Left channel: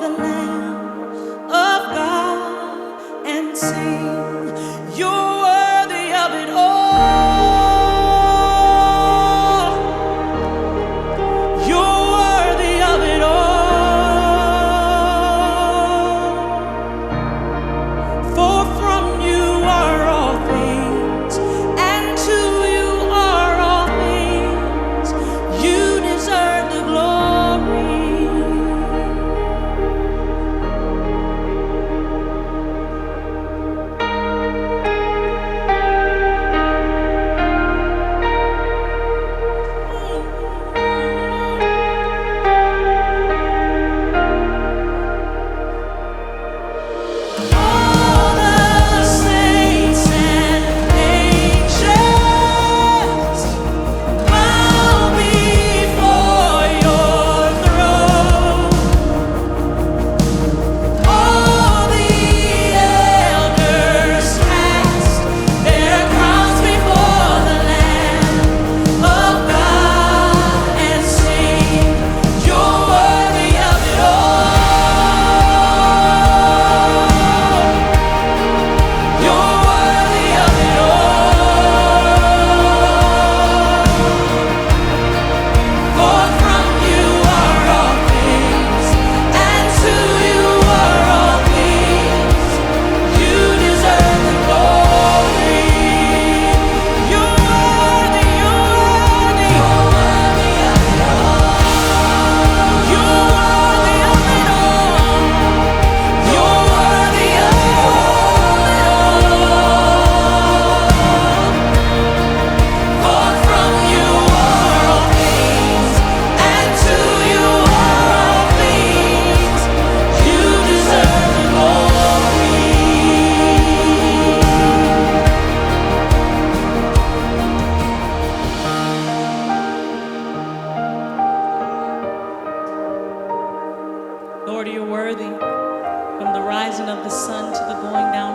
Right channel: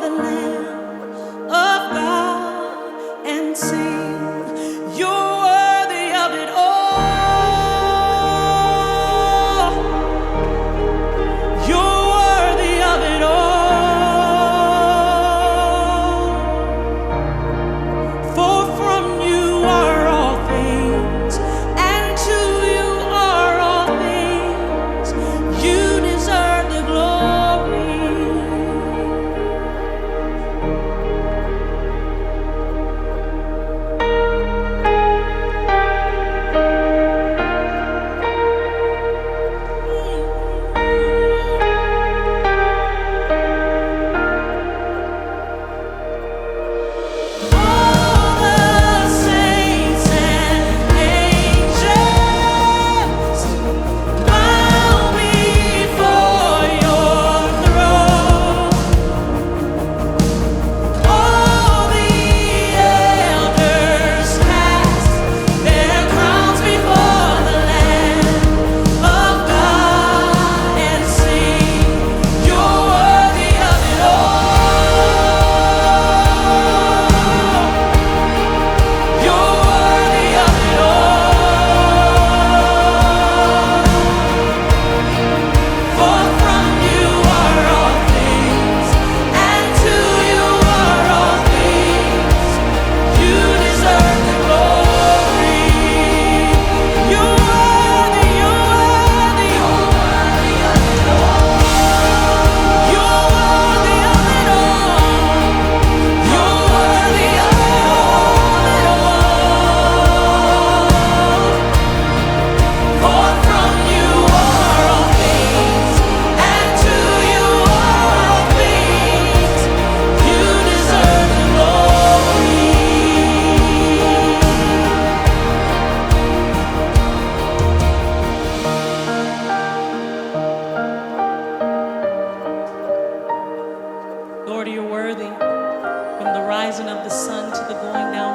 the Lamb of God and sing, you're worthy of it all. You're worthy of it all. For from you are all things, and to you are all things. You deserve the glory. All the saints and angels bow before your throne. All the elders cast their crowns before the Lamb of God and sing, you're worthy of it all. You're worthy of it all. For from you are all things, and to you are all things. You deserve the glory. You're worthy, you're worthy. You're worthy of it all. You're worthy of it all. For from you are all things, and to you are all things. You deserve the glory. Lord, you're worthy from the rising of the sun to the going down